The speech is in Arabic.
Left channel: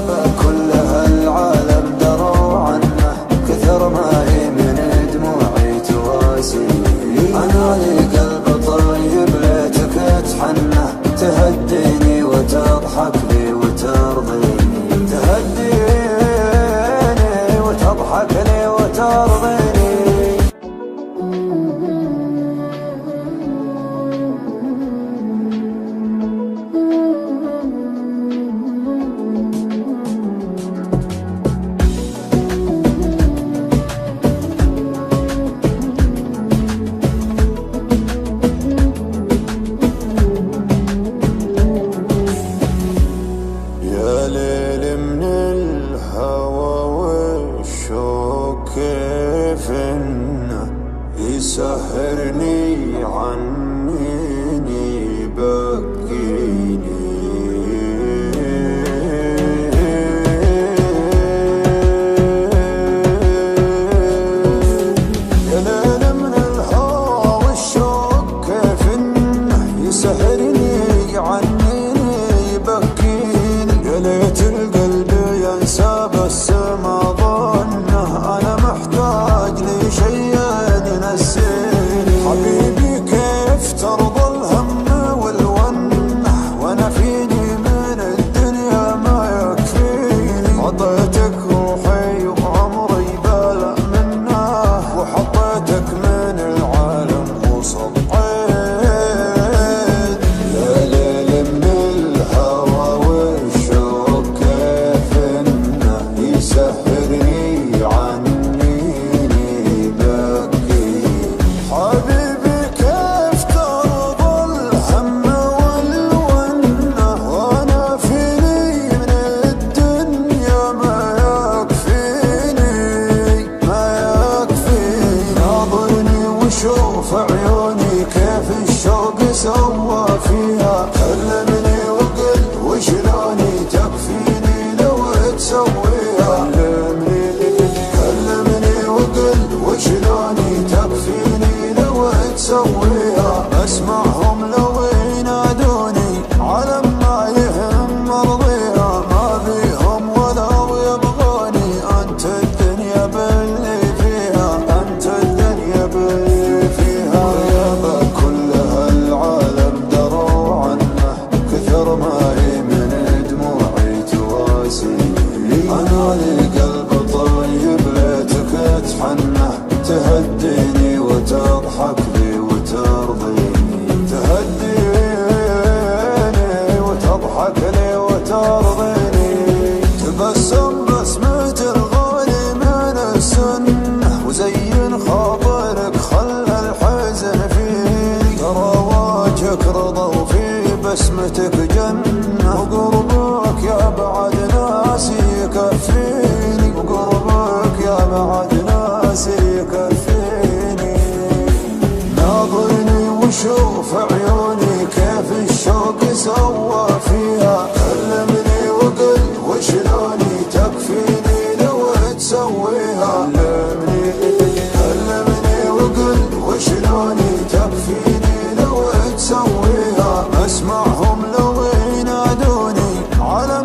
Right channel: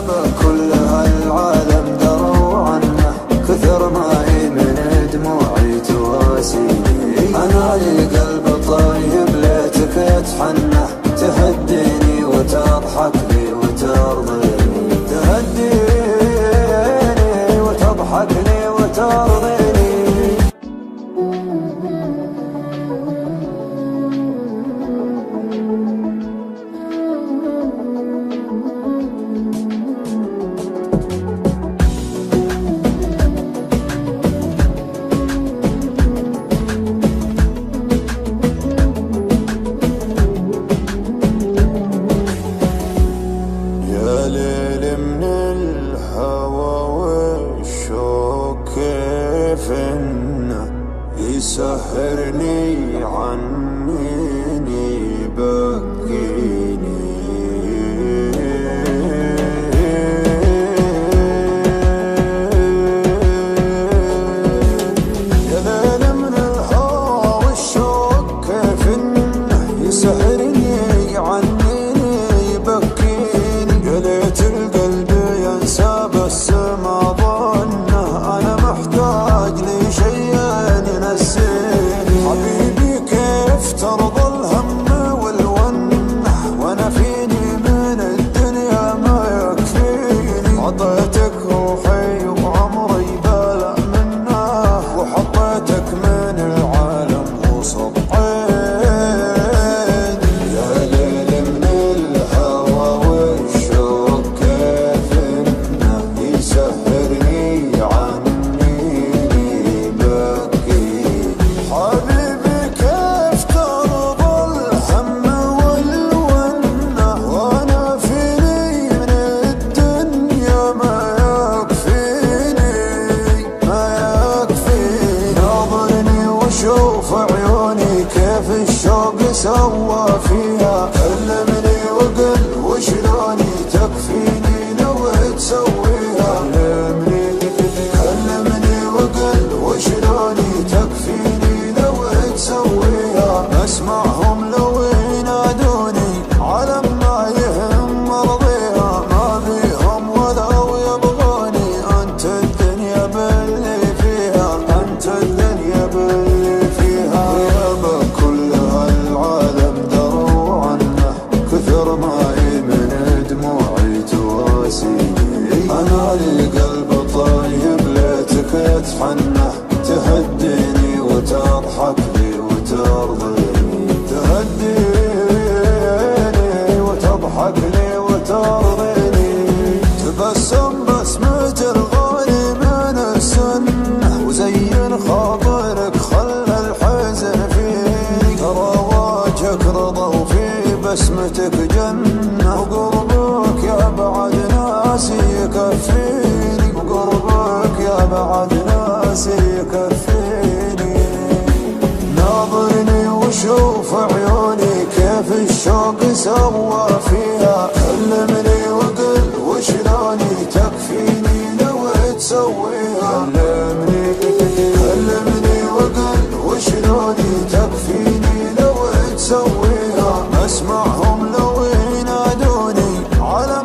غيابه كل هالعالم دروا عنه، كثر ما هي من دموعي تواسيني. أنا لي قلب طيب ليتك تحنه، تهديني وتضحك لي وترضيني، تهديني وتضحك لي وترضيني. يا ليل من الهوى والشوق كيف انه يسهرني عنيني بكيني. يا ليل من الهوى والشوق كيف انه يسهرني عنيني بكيني. يا ليت القلب ينسى بس ما ظنه، انا محتاج لي شيء ينسيني. حبيبي كيف ترضى الهم والونه، وانا فيني من الدنيا ما يكفيني. عطيتك روحي وعمري بلا منه، وحطيتك من العالم وسط عيني. يا ليل من الهوى والشوق كيف انه يسهرني عنيني بكيني. حبيبي كيف ترضى الهم والونه، وانا فيني من الدنيا ما يكفيني ما يكفيني. ناظرني وشوف عيوني كيف الشوق سوى فيها، كلمني وقل وشلوني تكفيني لو تسويها. كلمني وقل وشلوني تكفيني لو تسويها. بسمعهم لو ينادوني على ما يهم مرضيها، ما بيهم ولو يبغوني. انت الدنيا باللي فيها، انت الدنيا باللي فيها. غيابه كل هالعالم دروا عنه، كثر ما هي من دموعي تواسيني. أنا لي قلب طيب ليتك تحنه، تهديني وتضحك لي وترضيني، تهديني وتضحك لي وترضيني. تبسم بسمة الغالي من السنة، وزين خاطرك خلى الحزن فيني. ترى وجهك رضا وفي بسمتك جنة، وقربك يا بعد ناسي يكفيني. وقربك يا بعد ناسي يكفيني. ناظرني وشوف عيوني كيف الشوق سوى فيها، كلمني وقل وشلوني تكفيني لو تسويها. كلمني وقل وشلوني تكفيني لو تسويها. مسمعهم لو ينادوني على